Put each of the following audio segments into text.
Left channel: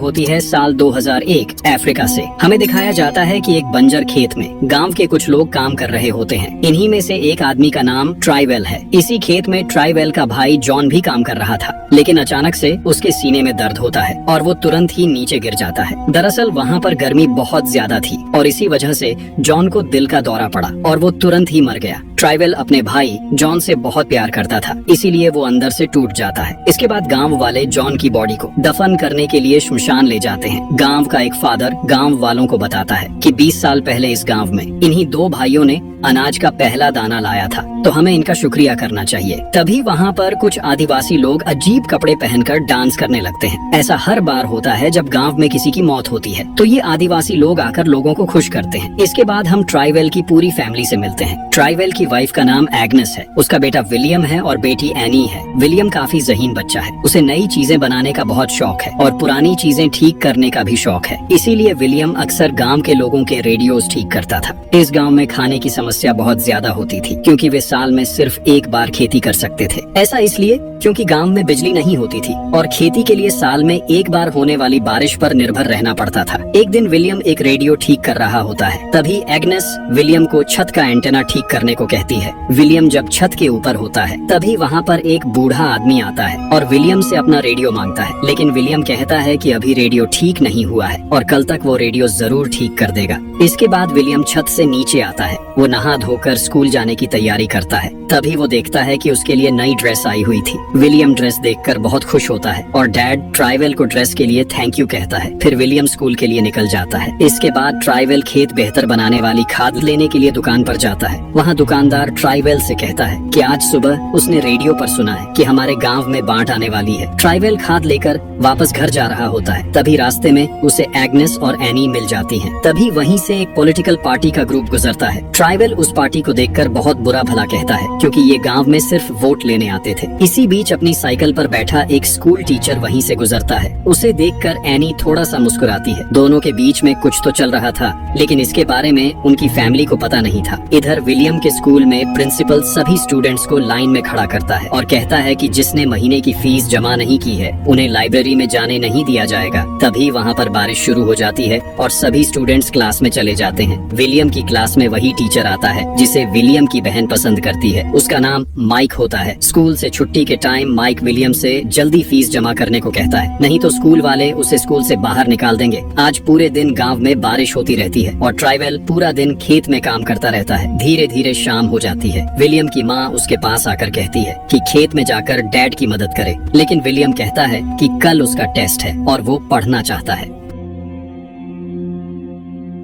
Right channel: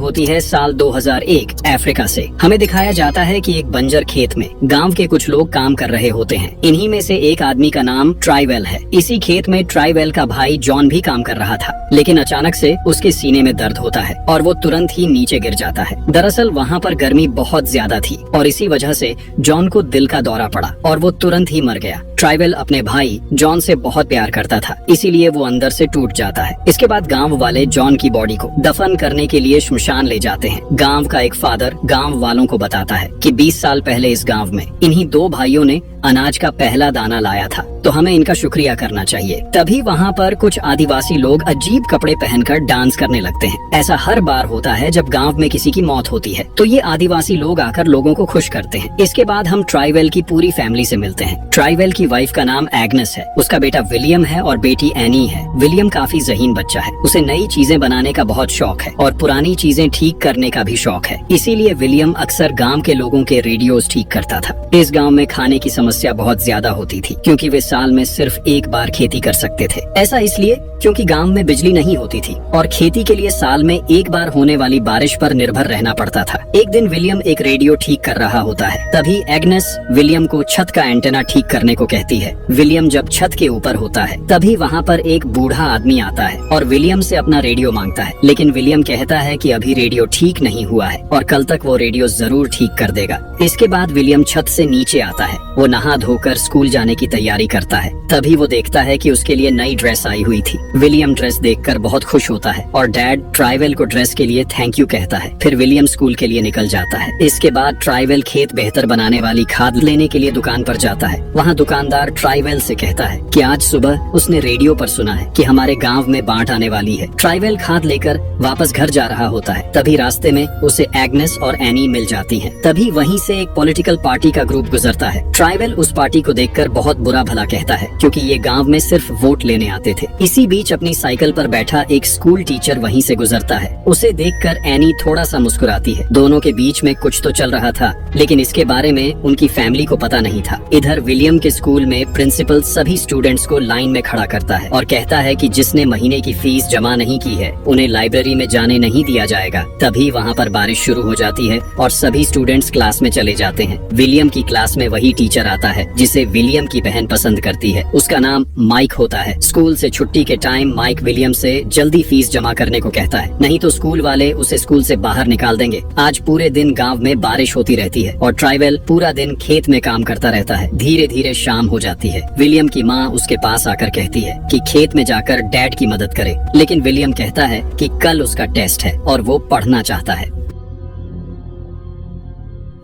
होती है साल 2001 अफ्रीका से। हमें दिखाया जाता है कि एक बंजर खेत में गांव के कुछ लोग काम कर रहे होते हैं। इन्हीं में से एक आदमी का नाम ट्राइवेल है। इसी खेत में ट्राइवेल का भाई जॉन भी काम कर रहा था, लेकिन अचानक से उसके सीने में दर्द होता है और वो तुरंत ही नीचे गिर जाता है। दरअसल वहाँ पर गर्मी बहुत ज्यादा थी और इसी वजह से जॉन को दिल का दौरा पड़ा और वो तुरंत ही मर गया। ट्राइवेल अपने भाई जॉन से बहुत प्यार करता था, इसीलिए वो अंदर से टूट जाता है। इसके बाद गांव वाले जॉन की बॉडी को दफन करने के लिए श्मशान ले जाते हैं। गांव का एक फादर गांव वालों को बताता है कि 20 साल पहले इस गांव में इन्हीं दो भाइयों ने अनाज का पहला दाना लाया था, तो हमें इनका शुक्रिया करना चाहिए। तभी वहाँ पर कुछ आदिवासी लोग अजीब कपड़े पहनकर डांस करने लगते हैं। ऐसा हर बार होता है जब गांव में किसी की मौत होती है, तो ये आदिवासी लोग आकर लोगों को खुश करते हैं। इसके बाद हम ट्राइवेल की पूरी फैमिली से मिलते हैं। ट्राइवेल की वाइफ का नाम एग्नेस है, उसका बेटा विलियम है और बेटी एनी है। विलियम काफी ज़हीन बच्चा है, उसे नई चीजें बनाने का बहुत शौक है और पुरानी चीजें ठीक करने का भी शौक है। इसीलिए विलियम अक्सर गाँव के लोगों के रेडियोस ठीक करता था। इस गाँव में खाने की समस्या बहुत ज्यादा होती थी, क्योंकि वे साल में सिर्फ एक बार खेती कर सकते थे। ऐसा इसलिए क्योंकि गांव में बिजली नहीं होती थी और खेती के लिए साल में एक बार होने वाली बारिश पर निर्भर रहना पड़ता था। एक दिन विलियम एक रेडियो ठीक कर रहा होता है, तभी एग्नेस विलियम को छत का एंटेना ठीक करने को कहती है। विलियम जब छत के ऊपर होता है, तभी वहाँ पर एक बूढ़ा आदमी आता है और विलियम से अपना रेडियो मांगता है, लेकिन विलियम कहता है कि अभी रेडियो ठीक नहीं हुआ है और कल तक वो रेडियो जरूर ठीक कर देगा। इसके बाद विलियम छत से नीचे आता है। वो नहा धोकर स्कूल जाने की तैयारी करता है। तभी वो देखता है कि उसके लिए नई ड्रेस आई हुई थी। विलियम ड्रेस देखकर बहुत खुश होता है और डैड ट्राइवेल को ड्रेस के लिए थैंक यू कहता है। फिर विलियम स्कूल के लिए निकल जाता है। इसके बाद ट्राइवेल खेत बेहतर बनाने वाली खाद लेने के लिए दुकान पर जाता है। वहाँ दुकानदार ट्राइवेल से कहता है कि आज सुबह उसने रेडियो पर सुना है कि हमारे गांव में बाढ़ आने वाली है। ट्राइवेल खाद लेकर वापस घर जा रहा होता है। तभी रास्ते में उसे एग्नेस और एनी मिल जाती है। तभी वहीं से एक पॉलिटिकल पार्टी का ग्रुप गुजरता है। ट्राइवेल उस पार्टी को देखकर बहुत बुरा भला कहता है, क्योंकि ये गांव में सिर्फ वोट लेने आते थे। इसी बीच अपनी साइकिल पर बैठा एक स्कूल टीचर वहीं से गुजरता है। उसे देखकर एनी थोड़ा सा मुस्कुराती है। दोनों के बीच में कुछ तो चल रहा था, लेकिन इसके बारे में उनकी फैमिली को पता नहीं था। इधर विलियम के स्कूल में प्रिंसिपल सभी स्टूडेंट्स को लाइन में खड़ा करता है और कहता है कि जिसने महीने की फीस जमा नहीं की है, उन्हें लाइब्रेरी में जाने नहीं दिया जाएगा। तभी वहाँ पर बारिश शुरू हो जाती है और सभी स्टूडेंट्स क्लास में चले जाते हैं। विलियम की क्लास में वही टीचर आता है जिसे विलियम की बहन पसंद करती है। उसका नाम माइक होता है। स्कूल से छुट्टी के टाइम माइक विलियम से जल्दी फीस जमा करने को कहता है, नहीं तो स्कूल वाले उसे स्कूल से बाहर निकाल देंगे। आज पूरे दिन गांव में बारिश होती रहती है और ट्राइवेल पूरा दिन खेत में काम करता रहता है। धीरे धीरे शाम हो जाती है। विलियम की माँ उसके पास आकर कहती है कि खेत में जाकर डैड की मदद करे, लेकिन विलियम कहता है कि कल उसका टेस्ट है और वो पढ़ना चाहता है।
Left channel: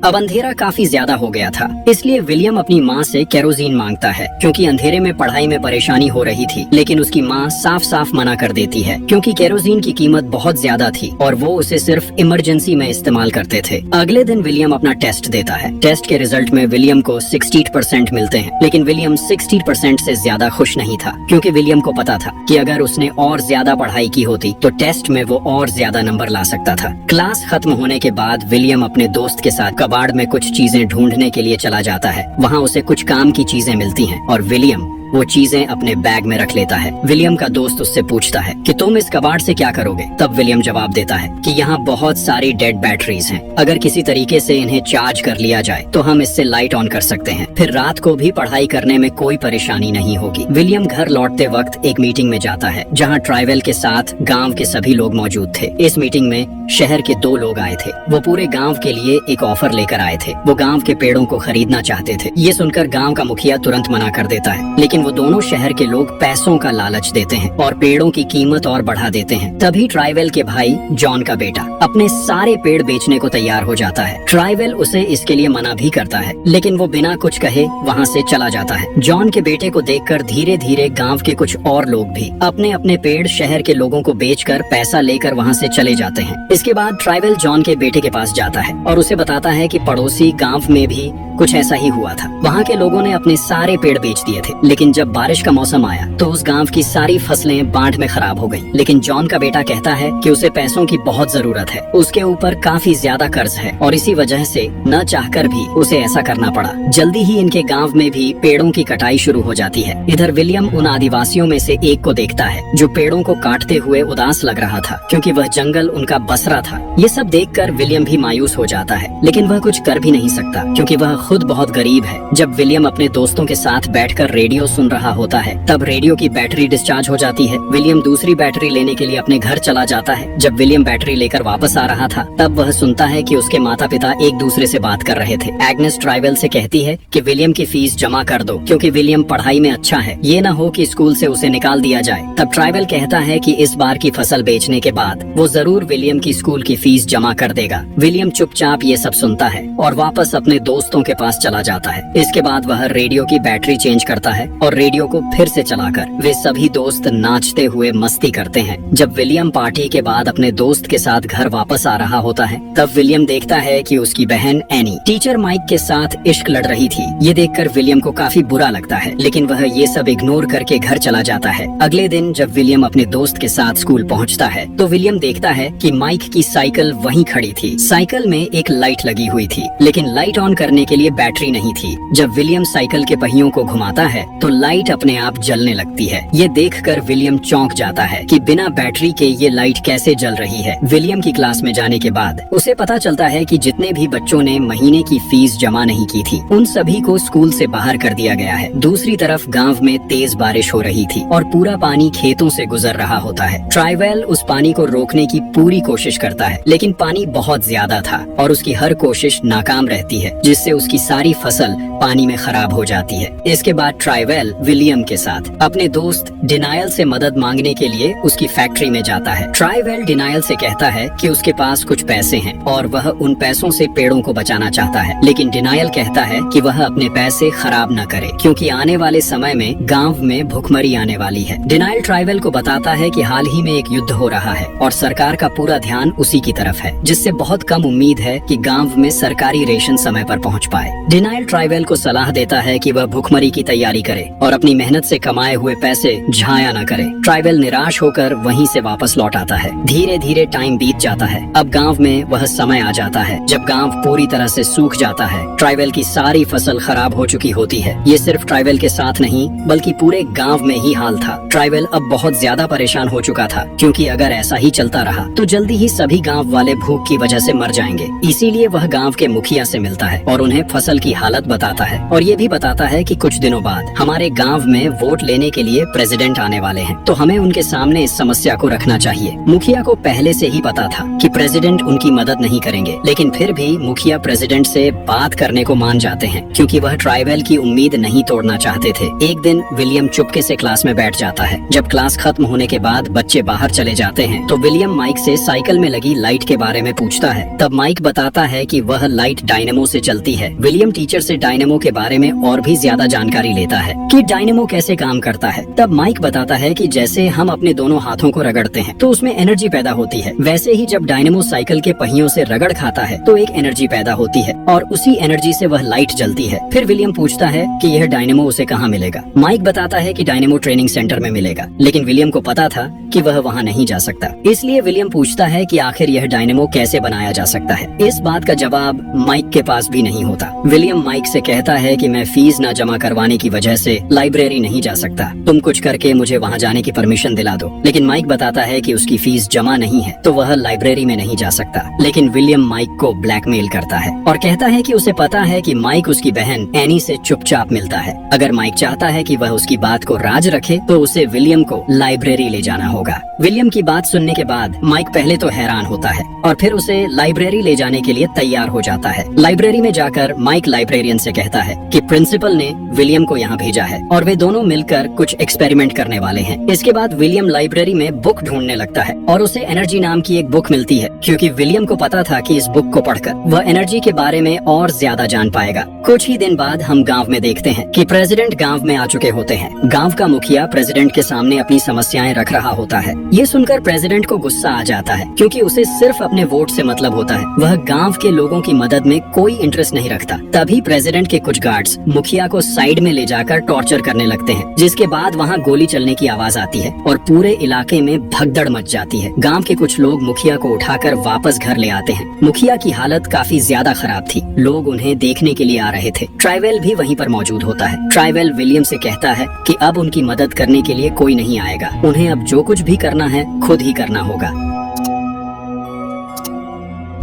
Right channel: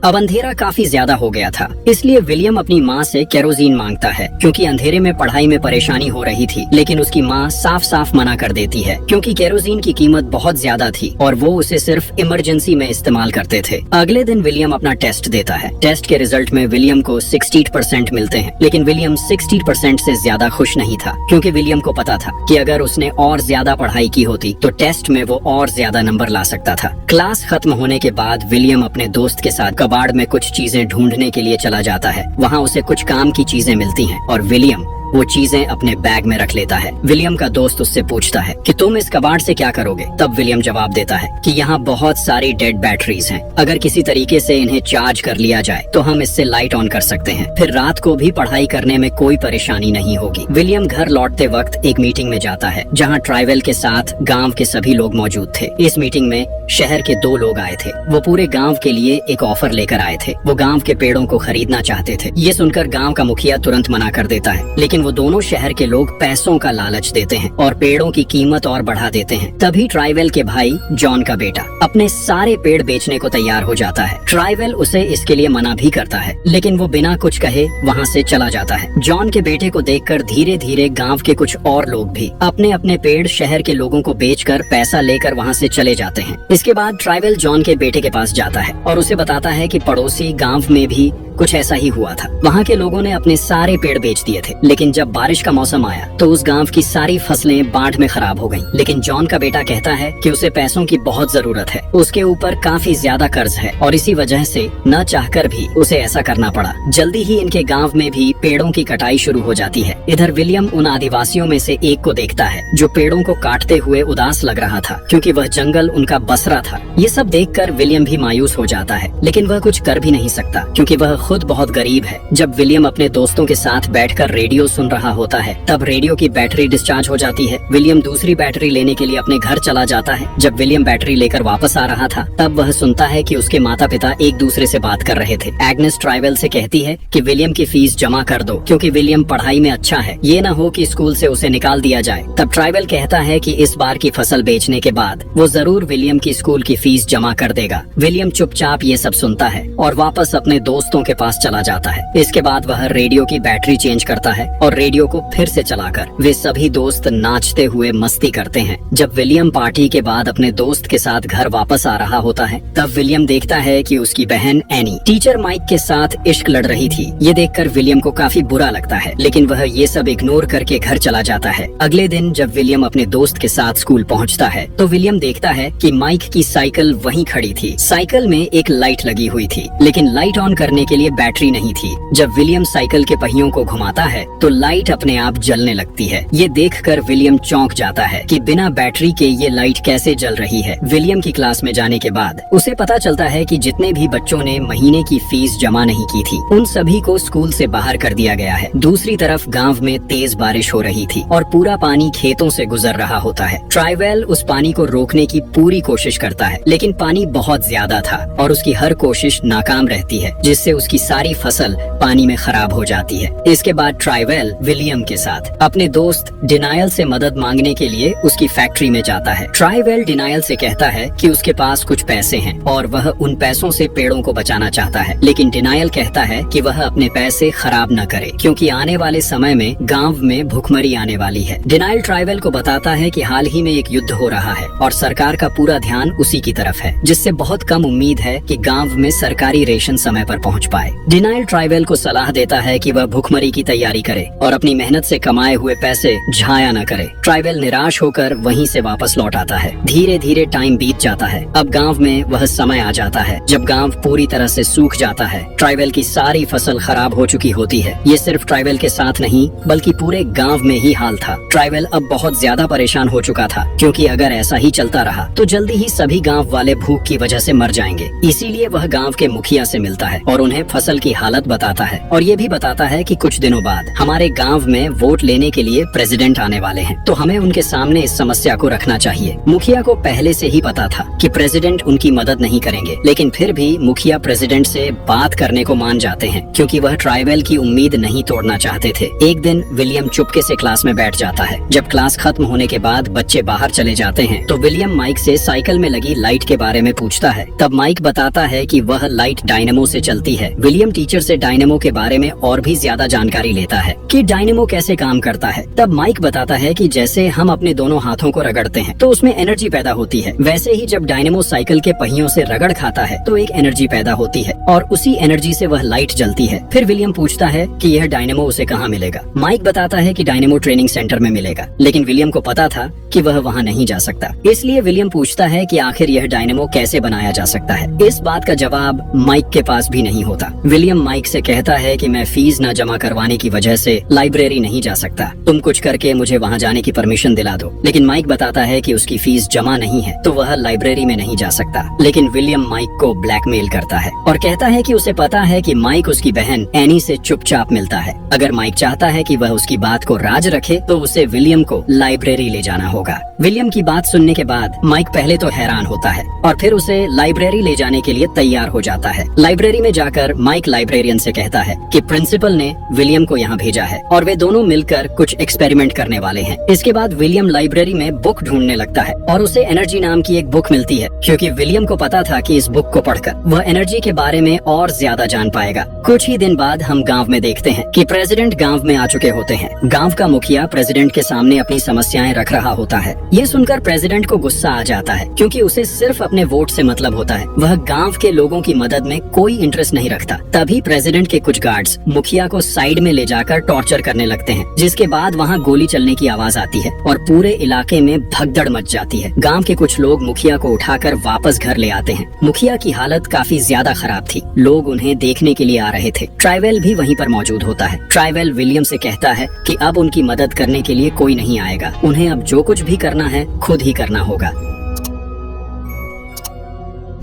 अब अंधेरा काफी ज्यादा हो गया था, इसलिए विलियम अपनी माँ से केरोसिन मांगता है, क्योंकि अंधेरे में पढ़ाई में परेशानी हो रही थी। लेकिन उसकी माँ साफ साफ मना कर देती है, क्योंकि केरोसिन की कीमत बहुत ज्यादा थी और वो उसे सिर्फ इमरजेंसी में इस्तेमाल करते थे। अगले दिन विलियम अपना टेस्ट देता है। टेस्ट के रिजल्ट में विलियम को 60% मिलते हैं, लेकिन विलियम 60% से ज्यादा खुश नहीं था, क्योंकि विलियम को पता था कि अगर उसने और ज्यादा पढ़ाई की होती तो टेस्ट में वो और ज्यादा नंबर ला सकता था। क्लास खत्म होने के बाद विलियम अपने दोस्त के साथ कबाड़ में कुछ चीजें ढूंढने के लिए चला जाता है। वहाँ उसे कुछ काम की चीजें मिलती हैं और विलियम वो चीजें अपने बैग में रख लेता है। विलियम का दोस्त उससे पूछता है कि तुम इस कबाड़ से क्या करोगे? तब विलियम जवाब देता है कि यहाँ बहुत सारी डेड बैटरीज हैं। अगर किसी तरीके से इन्हें चार्ज कर लिया जाए तो हम इससे लाइट ऑन कर सकते हैं, फिर रात को भी पढ़ाई करने में कोई परेशानी नहीं होगी। विलियम घर लौटते वक्त एक मीटिंग में जाता है, जहाँ ट्राइवेल के साथ गाँव के सभी लोग मौजूद थे। इस मीटिंग में शहर के 2 लोग आए थे। वो पूरे गाँव के लिए एक ऑफर लेकर आए थे। वो गाँव के पेड़ों को खरीदना चाहते थे। ये सुनकर गाँव का मुखिया तुरंत मना कर देता है, लेकिन वो दोनों शहर के लोग पैसों का लालच देते हैं और पेड़ों की कीमत और बढ़ा देते हैं। तभी ट्राइवेल के भाई जॉन का बेटा अपने सारे पेड़ बेचने को तैयार हो जाता है। ट्राइवेल उसे इसके लिए मना भी करता है, लेकिन वो बिना कुछ कहे वहाँ से चला जाता है। जॉन के बेटे को देखकर धीरे धीरे गांव के कुछ और लोग भी अपने अपने पेड़ शहर के लोगों को बेचकर पैसा लेकर वहाँ से चले जाते हैं। इसके बाद ट्राइवेल जॉन के बेटे के पास जाता है और उसे बताता है कि पड़ोसी गांव में भी कुछ ऐसा ही हुआ था। वहाँ के लोगों ने अपने सारे पेड़ बेच दिए थे, लेकिन लेकिन जब बारिश का मौसम आया तो उस गांव की सारी फसलें बाढ़ में खराब हो गई। लेकिन जॉन का बेटा कहता है कि उसे पैसों की बहुत जरूरत है, उसके ऊपर काफी ज्यादा कर्ज है और इसी वजह से न चाहकर भी उसे ऐसा करना पड़ा। जल्दी ही इनके गांव में भी पेड़ों की कटाई शुरू हो जाती है। इधर विलियम उन आदिवासियों में से एक को देखता है जो पेड़ों को काटते हुए उदास लग रहा था, क्योंकि वह जंगल उनका बसरा था। ये सब देखकर विलियम भी मायूस हो जाता है, लेकिन वह कुछ कर भी नहीं सकता क्योंकि वह खुद बहुत गरीब है। जब विलियम अपने दोस्तों के साथ बैठकर रेडियो सुन रहा होता है तब रेडियो की बैटरी डिस्चार्ज हो जाती है। विलियम दूसरी बैटरी लेने के लिए अपने घर चला जाता है। जब विलियम बैटरी लेकर वापस आ रहा था तब वह सुनता है कि उसके माता पिता एक दूसरे से बात कर रहे थे। एग्नेस ट्राइवेल से कहती है कि विलियम की फीस जमा कर दो क्योंकि विलियम पढ़ाई में अच्छा है, ये ना हो कि स्कूल से उसे निकाल दिया जाए। तब ट्राइवेल कहता है कि इस बार की फसल बेचने के बाद वो जरूर विलियम की स्कूल की फीस जमा कर देगा। विलियम चुपचाप ये सब सुनता है और वापस अपने दोस्तों के पास चला जाता है। इसके बाद वह रेडियो की बैटरी चेंज करता है और रेडियो को फिर से चलाकर वे सभी दोस्त नाचते हुए मस्ती करते हैं। जब विलियम पार्टी के बाद अपने दोस्त के साथ घर वापस आ रहा होता है तब विलियम देखता है कि उसकी बहन एनी टीचर माइक के साथ इश्क लड़ रही थी। ये देखकर विलियम को काफी बुरा लगता है, लेकिन वह ये सब इग्नोर करके घर चला जाता है। अगले दिन जब विलियम अपने दोस्त के साथ स्कूल पहुंचता है तो विलियम देखता है कि माइक की साइकिल वहीं खड़ी थी। साइकिल में एक लाइट लगी हुई थी, लेकिन लाइट ऑन करने के लिए बैटरी नहीं थी। जब विलियम साइकिल के पहियों को घुमाता है तो लाइट अपने आप जलने लगती है। ये देखकर विलियम चौंक जाता है कि बिना बैटरी के ये लाइट कैसे जल रही है। विलियम की क्लास में जाने के बाद उसे पता चलता है कि जितने भी बच्चों ने महीने की फीस जमा नहीं की थी उन सभी को स्कूल से बाहर कर दिया गया है। दूसरी तरफ गांव में तेज बारिश हो रही थी और पूरा पानी खेतों से गुजर रहा होता है। ट्राइवेल उस पानी को रोकने की पूरी कोशिश करता है, लेकिन पानी बहुत ज्यादा था और उसकी हर कोशिश नाकाम रहती है, जिससे उसकी सारी फसल पानी में खराब हो जाती है। इसके बाद ट्राइवेल विलियम के साथ अपने दोस्त डिनायल से मदद मांगने के लिए उसकी फैक्ट्री में जाता है। ट्राइवेल डिनायल से कहता है कि उसके पास कुछ पैसे हैं और वह उन पैसों से पेड़ों को बचाना चाहता है, लेकिन डिनायल कहता है कि वह अपने पैसे खराब न करे क्योंकि आने वाले समय में गांव में भुखमरी आने वाली है। डिनायल ट्राइवेल को बताता है कि हाल ही में एक युद्ध हो रहा है और सरकार का पूरा ध्यान उसी की तरफ है, जिससे बहुत कम उम्मीद है कि गांव में सरकारी रेशन समय पर पहुंच पाए। डिनायल ट्राइवेल को सलाह देता है कि वह भुखमरी की तैयारी करे और अपनी मेहनत से कमाए हुए पैसे झाया न करे। ट्राइवेल निराश होकर वहीं से वापस लौट आता है। धीरे धीरे टाइम बीत जाता है। अब गांव में वह समय आ जाता है जब गांव पूरी तरह से सूख जाता है। ट्राइवेल की सारी फसल खराब हो चुकी होती है। ये सिर्फ ट्राइवेल के साथ नहीं बल्कि पूरे गांव में ही हाल था। ट्राइवेल अब बहुत ज्यादा परेशान हो चुका था क्योंकि अगर ऐसा ही चलता रहा तो जल्दी ही सभी गांव वाले भूख की वजह से मर जाएंगे। इसीलिए वह गांव के मुखिया से मिलता है और उन्हें फसल की हालत बताता है और ये भी बताता है कि कुछ दिनों बाद हमारे गांव में वोट लेने के लिए प्रेसिडेंट आने वाले हैं, तो हमें उनके सामने इस समस्या को रखना चाहिए। मुखिया को पहले से ही पता था कि प्रेसिडेंट उनकी मदद नहीं करेंगे, लेकिन फिर भी मुखिया प्रेसिडेंट से बात करने को मान जाते हैं क्योंकि वह ट्राइवेल की उम्मीद नहीं तोड़ना चाहते थे। एक दिन विलियम चुपके से क्लास में बैठ जाता है। जब क्लास खत्म होने के बाद बच्चे बाहर चले जाते हैं तो विलियम माइक से साइकिल में लगी लाइट के बारे में पूछता है। तब माइक बताता है कि वह लाइट डायनेमो से चलती है। विलियम टीचर से डायनेमो के बारे में और भी ज्यादा जानकारी लेता है कि डायनेमो कैसे काम करता है। तब माइक बताता है कि जैसे हम अपने दोनों हाथों को रगड़ते हैं तो उसमें एनर्जी पैदा होती है, वैसे ही जब डायनेमो साइकिल के पहियों से रगड़ खाता है तो एक एनर्जी पैदा होती है और उसी एनर्जी से वह लाइट जलती है। फिर विलियम पूछता है कि यह डायनेमो उसे कहाँ मिलेगा। माइक बताता है कि डायनेमो ट्रेनिंग सेंटर में मिलेगा, लेकिन विलियम को पता था कि वह वहाँ नहीं जा सकता। इसलिए विलियम पूछता है कि आखिर यह डायनेमो कैसे बनाया जा सकता है। इस बात का जवाब माइक के पास भी नहीं होता। विलियम माइक से कहता है कि मैं फीस न जमा करवाने की वजह से लाइब्रेरी नहीं जा सकता, तुम कुछ करके मुझे वहाँ जाने की परमिशन दिला दो। लेकिन माइक बताता है कि उसकी फीस जमा नहीं है तो वह लाइब्रेरी में नहीं जा सकता। लेकिन विलियम माइक को ब्लैकमेल करता है और कहता है कि उसे पता है कि माइक उसकी बहन एनी से चुपचाप मिलता है। अगर माइक चाहता है कि वह उसकी बात को राज रखे तो उसे विलियम को लाइब्रेरी ले जाना होगा। विलियम की बात सुनने के बाद माइक पहले तो हैरान होता है और फिर उसे लाइब्रेरी ले जाने के लिए तैयार हो जाता है। लाइब्रेरी में जाकर माइक लाइब्रेरियन से कहता है कि प्रिंसिपल ने विलियम को यहाँ भेजा है और वे दोनों मिलकर कुछ एक्सपेरिमेंट करने वाले हैं। इसके बाद विलियम लाइब्रेरी में बुक ढूंढने लगता है और उसे एनर्जी नाम की एक बुक मिलती है क्योंकि विलियम को पता था कि इस बुक को पढ़कर वह एनर्जी के बारे में और ज्यादा जान पाएगा। कुछ ही दिन बाद हम गांव में देखते हैं कि प्रेसिडेंट गांव में आ चुके होते हैं। गांव का मुखिया प्रेसिडेंट के सामने अपनी समस्याएं रख रहा होता है। ये सुनकर प्रेसिडेंट को गुस्सा आ जाता है क्योंकि उसे सिर्फ अपने वोट से मतलब होता है, वह गांव के लोगों की मदद में कोई इंटरेस्ट नहीं रखता। तभी प्रेसिडेंट के कुछ गार्ड्स मुखिया को साइड में ले जाकर टॉर्चर टॉर्चर करने लगते हैं, जिसके बाद वहाँ गोली चलने की आवाज आती है और पूरे इलाके में भगदड़ मच जाती है। गांव के कुछ लोग मुखिया को उठाकर वापस घर ले आते हैं। मुखिया की हालत काफी ज्यादा खराब थी। लोग उन्हें देखने के लिए आ रहे थे। ट्राइवेल भी वहीं पर मौजूद होता है। ट्राइवेल विलियम से कहता है कि अब उनकी मदद करने के लिए कोई नहीं आएगा, उन्हें अब जो कुछ भी करना है खुद ही करना होगा।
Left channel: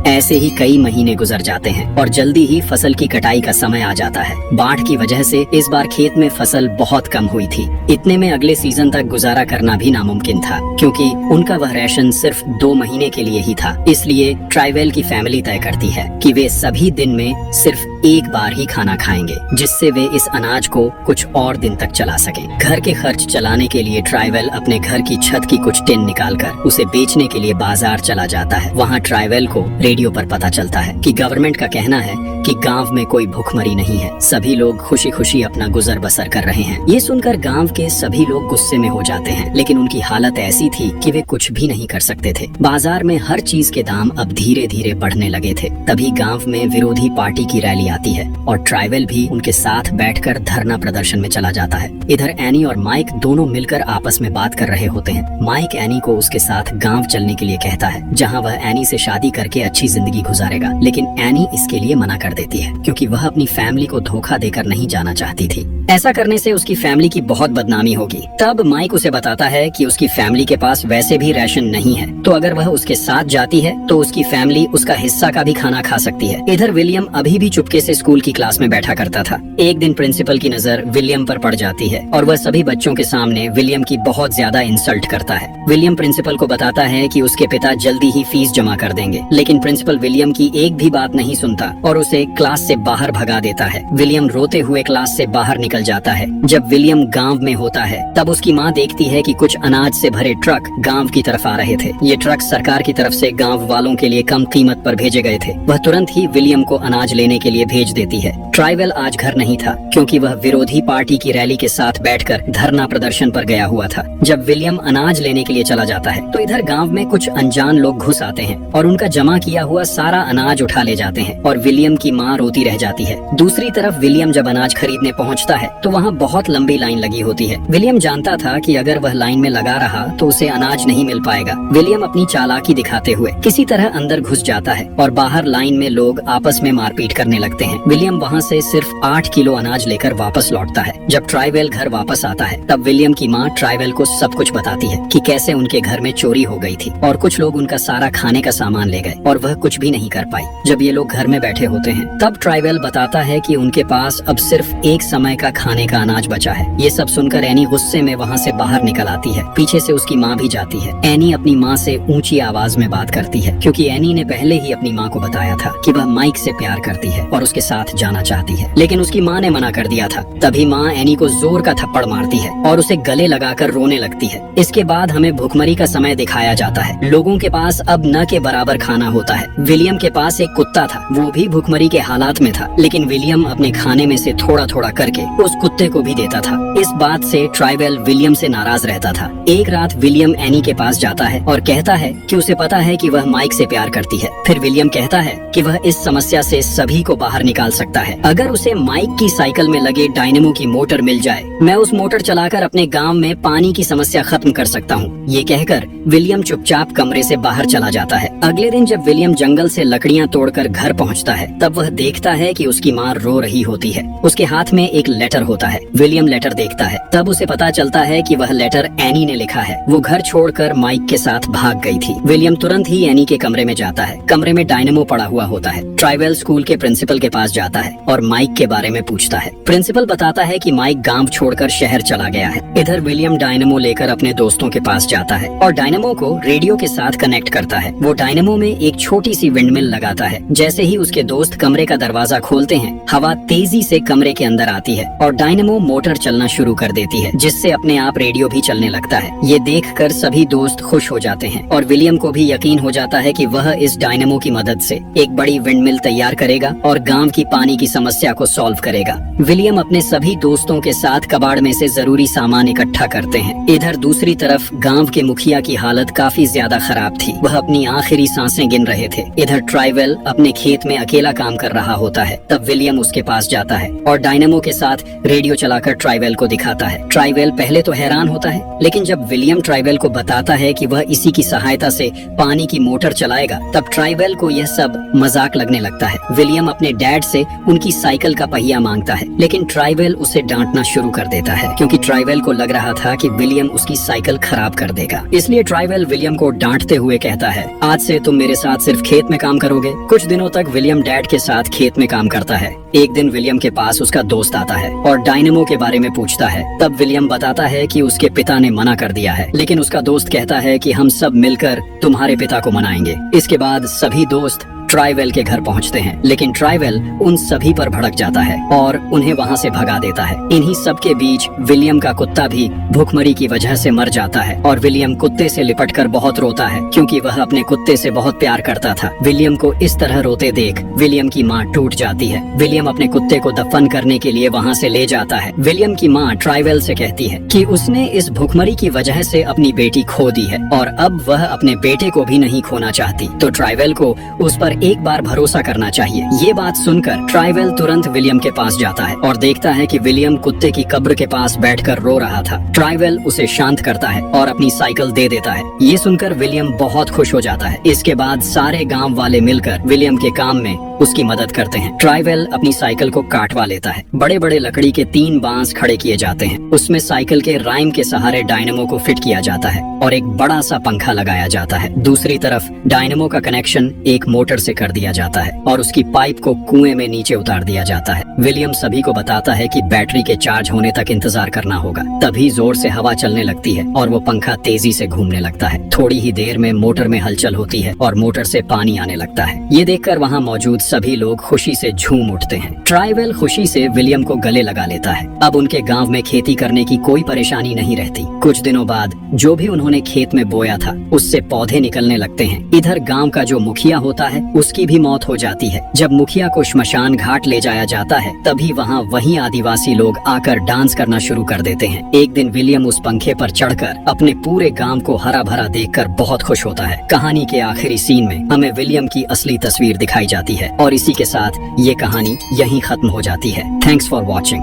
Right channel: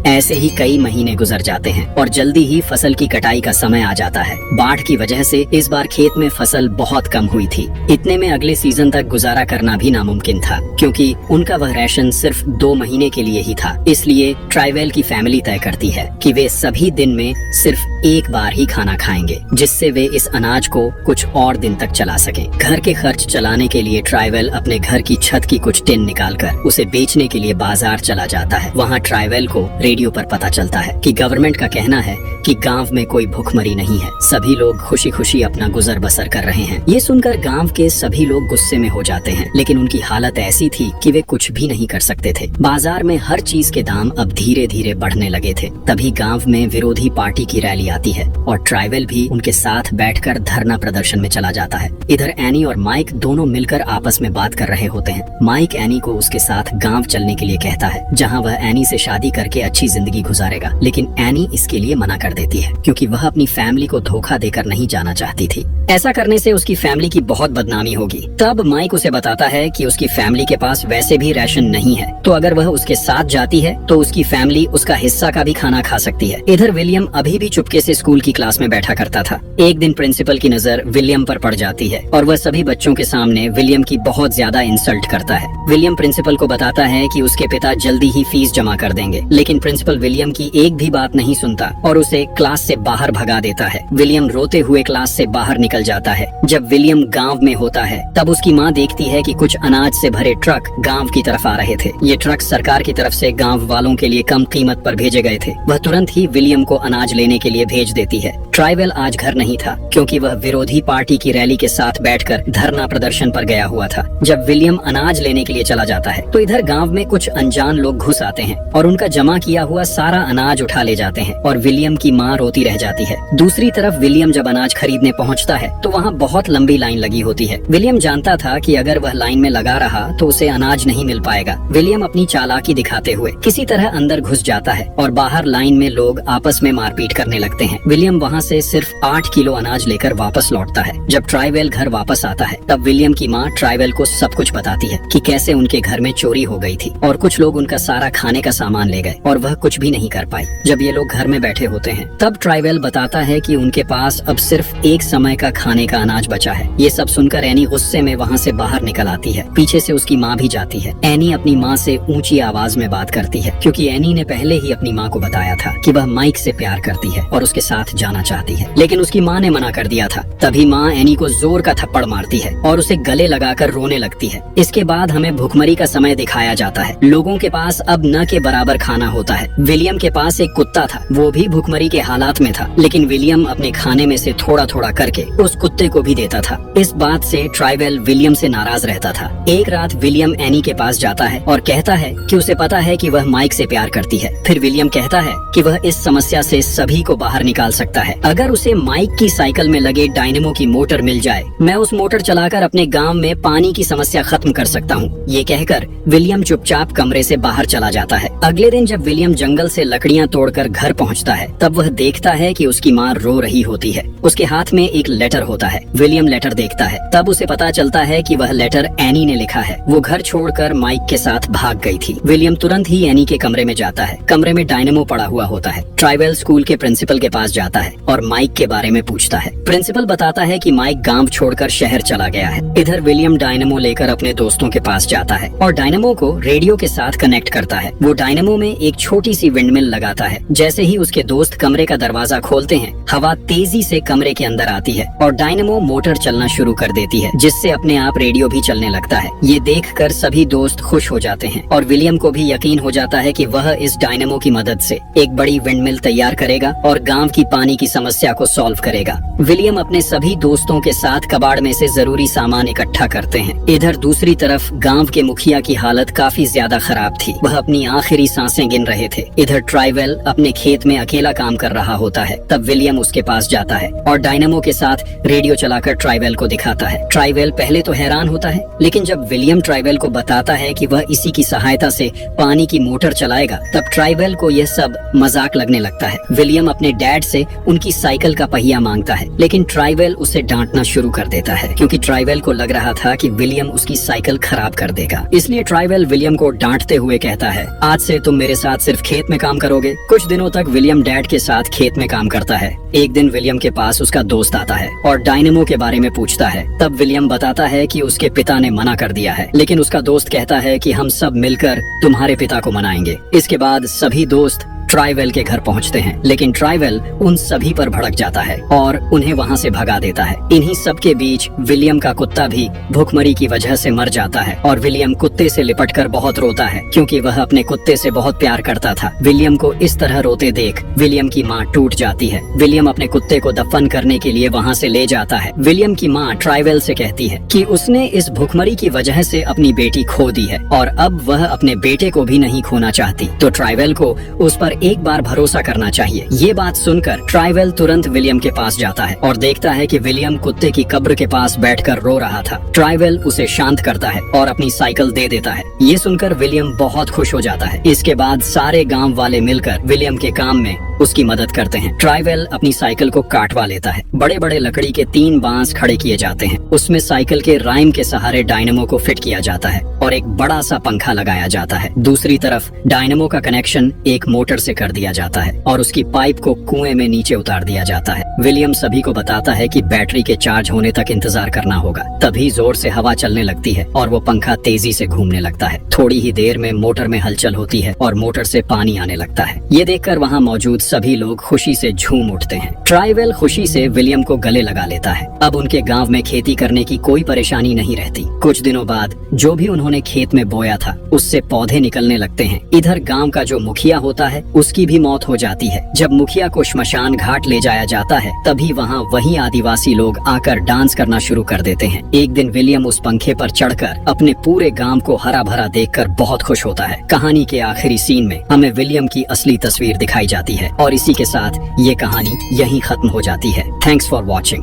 ऐसे ही कई महीने गुजर जाते हैं और जल्दी ही फसल की कटाई का समय आ जाता है। बाढ़ की वजह से इस बार खेत में फसल बहुत कम हुई थी। इतने में अगले सीजन तक गुजारा करना भी नामुमकिन था, क्योंकि उनका वह राशन सिर्फ 2 महीने के लिए ही था। इसलिए ट्राइवेल की फैमिली तय करती है कि वे सभी दिन में सिर्फ एक बार ही खाना खाएंगे, जिससे वे इस अनाज को कुछ और दिन तक चला सकें। घर के खर्च चलाने के लिए ट्राइवेल अपने घर की छत की कुछ टिन निकालकर उसे बेचने के लिए बाजार चला जाता है। वहाँ ट्राइवेल को रेडियो पर पता चलता है कि गवर्नमेंट का कहना है कि गांव में कोई भूखमरी नहीं है, सभी लोग खुशी खुशी अपना गुजर बसर कर रहे हैं। ये सुनकर गांव के सभी लोग गुस्से में हो जाते हैं, लेकिन उनकी हालत ऐसी थी कि वे कुछ भी नहीं कर सकते थे। बाजार में हर चीज के दाम अब धीरे धीरे बढ़ने लगे थे। तभी गांव में विरोधी पार्टी की रैली आती है और ट्राइवेल भी उनके साथ बैठकर धरना प्रदर्शन में चला जाता है। इधर एनी और माइक दोनों मिलकर आपस में बात कर रहे होते हैं। माइक एनी को उसके साथ गांव चलने के लिए कहता है, जहाँ वह एनी से शादी करके अच्छी जिंदगी गुजारेगा, लेकिन एनी इसके लिए मना कर देती है, क्योंकि वह अपनी फैमिली को धोखा देकर नहीं जाना चाहती थी। ऐसा करने से उसकी फैमिली की बहुत बदनामी होगी। तब माइक उसे बताता है कि उसकी फैमिली के पास वैसे भी राशन नहीं है, तो अगर वह उसके साथ जाती है तो उसकी फैमिली उसका हिस्सा का भी खाना खा सकती है। इधर विलियम अभी भी चुपके से स्कूल की क्लास में बैठा करता था। एक दिन प्रिंसिपल की नजर विलियम पर पड़ जाती है और वह सभी बच्चों के सामने विलियम की बहुत ज्यादा इंसल्ट करता है। विलियम प्रिंसिपल को बताता है कि उसके पिता जल्दी ही फीस जमा कर देंगे, लेकिन प्रिंसिपल विलियम की एक भी बात नहीं सुनता और उसे क्लास से बाहर भगा देता है। विलियम रोते हुए क्लास से बाहर निकल जाता है। जब विलियम गांव में होता है तब उसकी माँ देखती है कि कुछ अनाज से भरे ट्रक गांव की तरफ आ रहे थे। ये ट्रक सरकार की तरफ से गांव वालों के लिए कम कीमत पर भेजे गए थे। वह तुरंत ही विलियम को अनाज लेने के लिए भेज देती है। ट्राइवेल आज घर नहीं था, क्योंकि वह विरोधी पार्टी की रैली के साथ बैठकर धरना प्रदर्शन पर गया हुआ था। जब विलियम अनाज लेने के लिए चला जाता है तो इधर गांव में कुछ अनजान लोग घुस आते हैं और उनका जमा किया हुआ सारा अनाज उठा ले जाते हैं और विलियम की माँ रोती रह जाती है। दूसरी तरफ विलियम जब अनाज खरीदने पहुँचता है तो वहाँ बहुत लंबी लाइन लगी होती है। विलियम जानता था कि अगर वह लाइन में लगा रहा तो उसे अनाज नहीं मिल पाएगा। विलियम अपनी चालाकी दिखाते हुए किसी तरह अंदर घुस जाता है और बाहर लाइन में लोग आपस में मारपीट करने लगते हैं। विलियम वहाँ से सिर्फ 8 किलो अनाज लेकर वापस लौटता है। जब ट्राइवेल घर वापस आता है तब विलियम की माँ ट्राइवेल को सब कुछ बताती है कि कैसे उनके घर में चोरी हो गई थी और कुछ लोग उनका सारा खाने का सामान ले गए और वह कुछ भी नहीं कर पाई। जब ये लोग घर में बैठे होते हैं तब ट्राइवेल बताता है कि उनके पास अब सिर्फ एक समय का खाने का अनाज बचा है। ये सब सुनकर एनी गुस्से में वहाँ से बाहर निकल आती है। पीछे से उसकी माँ भी जाती है। एनी अपनी माँ से ऊंची आवाज में बात करती है, क्योंकि एनी ने पहले ही अपनी माँ को बताया था कि वह माइक से प्यार करती है और उसके साथ जाना चाहती है, लेकिन उसकी माँ ने मना कर दिया था। तभी माँ एनी को जोर का थप्पड़ मारती है और उसे गले लगाकर रोने लगती है। इसके बाद हमें भुखमरी का समय दिखाया जाता है। लोगों के पास अब न के बराबर खाना होता है। विलियम के पास एक कुत्ता था, वो भी भुखमरी के हालात में था, लेकिन विलियम अपने खाने में से थोड़ा थोड़ा करके उस कुत्ते को भी देता था। इस बात से ट्राइवेल विलियम से नाराज रहता था। एक रात विलियम एनी के पास जाता है और कहता है कि उसे पता है कि वह माइक से प्यार करती है। फिर विलियम कहता है कि वह इस समस्या से सभी को बाहर निकाल सकता है। अगर उसे माइक की साइकिल में लगे डायनेमो की मोटर मिल जाए, मैं उस मोटर चलाकर अपने गांव में पानी की समस्या खत्म कर सकता हूँ। ये कहकर विलियम चुपचाप कमरे से बाहर चला जाता है। अगले दिन जब विलियम जंगल से लकड़ियाँ तोड़कर घर पहुँचता है तब वह देखता है कि उसकी माँ रो रही होती है। उसके हाथ में एक लेटर होता है। विलियम लेटर देखता है, तब उसे पता चलता है कि वह लेटर एनी ने लिखा है। वो घर छोड़कर माइक के साथ भाग गई थी। विलियम तुरंत ही एनी के कमरे में जाता है। कमरे में डायनेमो पड़ा हुआ होता है। ट्राइवेल स्कूल के प्रिंसिपल के पास जाता है और माइक के बारे में पूछता है। प्रिंसिपल बताता है कि माइक गांव छोड़कर शहर चला गया है। इधर विलियम डायनेमो लेकर अपने दोस्तों के पास जाता है और डायनेमो को रेडियो के साथ कनेक्ट करता है। वो डायनेमो में एक छोटी सी विंडमिल लगाता है। जैसे ही उसके दोस्त कमरे का दरवाजा खोलते हैं, हवा तेजी से कमरे के अंदर आती है और डायनेमो मोटर चलना शुरू कर देती है, जिससे अपने आप रेडियो भी चलने लगता है। ये देखकर सभी दोस्त खुश हो जाते हैं और विलियम को भी यकीन हो जाता है कि वह इस डायनेमो की मदद से एक बड़ी विंडमिल तैयार करेगा और गांव की पानी की समस्या को सॉल्व करेगा। विलियम अपने सभी दोस्तों के साथ कबाड़ में से जरूरी सामान इकट्ठा करते हैं। इधर दूसरी तरफ गांव के मुखिया की हालत काफी ज्यादा खराब थी। वह अपनी आखिरी सांसें गिन रहे थे। इधर ट्राइवेल अपने खेत में अकेला काम कर रहा होता है। तब विलियम उसके पास जाता है और डायनेमो के साथ रेडियो चलाकर ट्राइवेल को दिखाता है। ट्राइवेल पहले तो हैरान होता है, लेकिन जब विलियम ट्राइवेल को बताता है कि वह इसी की सहायता से पानी की मोटर चलाएगा, तब ट्राइवेल को यह सब मजाक लगने लगता है। विलियम अपने डैड से उनकी साइकिल का पहिया मांगता है, लेकिन ट्राइवेल उसे डांटना शुरू कर देता है, क्योंकि ट्राइवेल को लग रहा था कि विलियम उसकी साइकिल खराब कर देगा। इसलिए ट्राइवेल विलियम को डांटते हुए कहता है, आज से तुम मेरे साथ सिर्फ खेत में काम करोगे। कुछ दिनों तक विलियम डैड के साथ खेत में काम करता है। एक दिन विलियम के पास उसका दोस्त आता है और डायनेमो के बारे में पूछता है। तब विलियम बताता है कि उसके पिता ने मना कर दिया है, लेकिन उसका दोस्त कहता है कि हम सब मिलकर तुम्हारे पिता को मनाएंगे। इसके बाद सभी दोस्त ट्राइवेल के घर पहुंचते हैं, लेकिन ट्राइवेल उन सभी पर भड़क जाता है और उन्हें वहां से भगा देता है। इन्हीं सब के बीच विलियम का कुत्ता भी भूखमरी की वजह से मर जाता है और विलियम कुत्ते से लिपटकर बहुत रोता है, क्योंकि वह अपने कुत्ते से बहुत प्यार करता था। विलियम को इस तरह रोते देख विलियम की माँ टूट जाती है। विलियम अपने कुत्ते को दफन करने के लिए वहाँ से ले जाता है। विलियम की माँ ट्राइवेल से कहती है कि उसने इस भूखमरी की वजह से अपनी बेटी खो दी है और अब वह अपने बेटे को भी नहीं खोना चाहती, तो ट्राइवेल को उस पर एक बार भरोसा करना चाहिए। ये बात सुनकर ट्राइवेल तुरंत विलियम के पास जाता है और देखता है कि विलियम कुत्ते की कब्र के पास बैठकर रो रहा था। ट्राइवेल उसे शांत करता है और अपनी साइकिल दे देता है। ये सुनकर विलियम बहुत खुश हो जाता है। इसके बाद सारे गांव वाले मिलकर विलियम के काम में उसकी मदद करते हैं। ट्राइवेल अपनी साइकिल को काटवा लेता है। बड़े बड़े लकड़ी के 3 बांस खड़े किए जाते हैं। उसमें साइकिल के राइम के सहारे डायनेमो को फिट किया जाता है और एक बड़ा सा पंखा लगाया जाता है। दूसरी तरफ डायनेमो का कनेक्शन एक मोटर से कर दिया जाता है और उसकी पाइप को कुएं में नीचे उतार दिया जाता है। विलियम सभी को बताता है कि बैटरी के चार्ज होने तक इंतजार करना होगा। तभी जोर से हवा चलने लगती है और वो पंखा तेजी से घूमने लगता है। थोड़ी ही देर में मोटर में हलचल होती है और मोटर से पानी आने लगता है। ये देखकर वहाँ मौजूद सभी लोग खुशी से झूम उठते हैं। ट्राइवेल खुशी से विलियम को गले लगा लेता है। अब उनके गांव में खेती करने की कोई परेशानी नहीं रहती। कुछ दिनों बाद जो भी उन्होंने खेत में बोया था, उससे पौधे निकलने लगते हैं। इधर गांव का जो मुखिया होता है, उसकी भी मौत हो जाती है। जब मुखिया को श्मशान घाट ले जाया जाता है, तभी वहाँ वही आदिवासी लोग आकर डांस करना शुरू कर देते हैं। एक दिन विलियम उस पंखे पर चढ़कर अपने पूरे गांव को हरा भरा देखकर बहुत खुश होता है। कहानी के आखिरी सीन में हमें विलियम की असली तस्वीर दिखाई जाती है और इसी के साथ ये कहानी यहीं खत्म हो जाती है। Thanks for watching.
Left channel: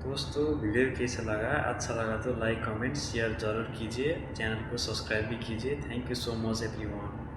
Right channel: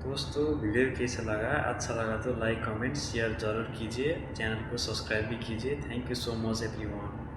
दोस्तों, वीडियो कैसा लगा? अच्छा लगा तो लाइक कमेंट शेयर जरूर कीजिए। चैनल को सब्सक्राइब भी कीजिए। Thank you so much everyone.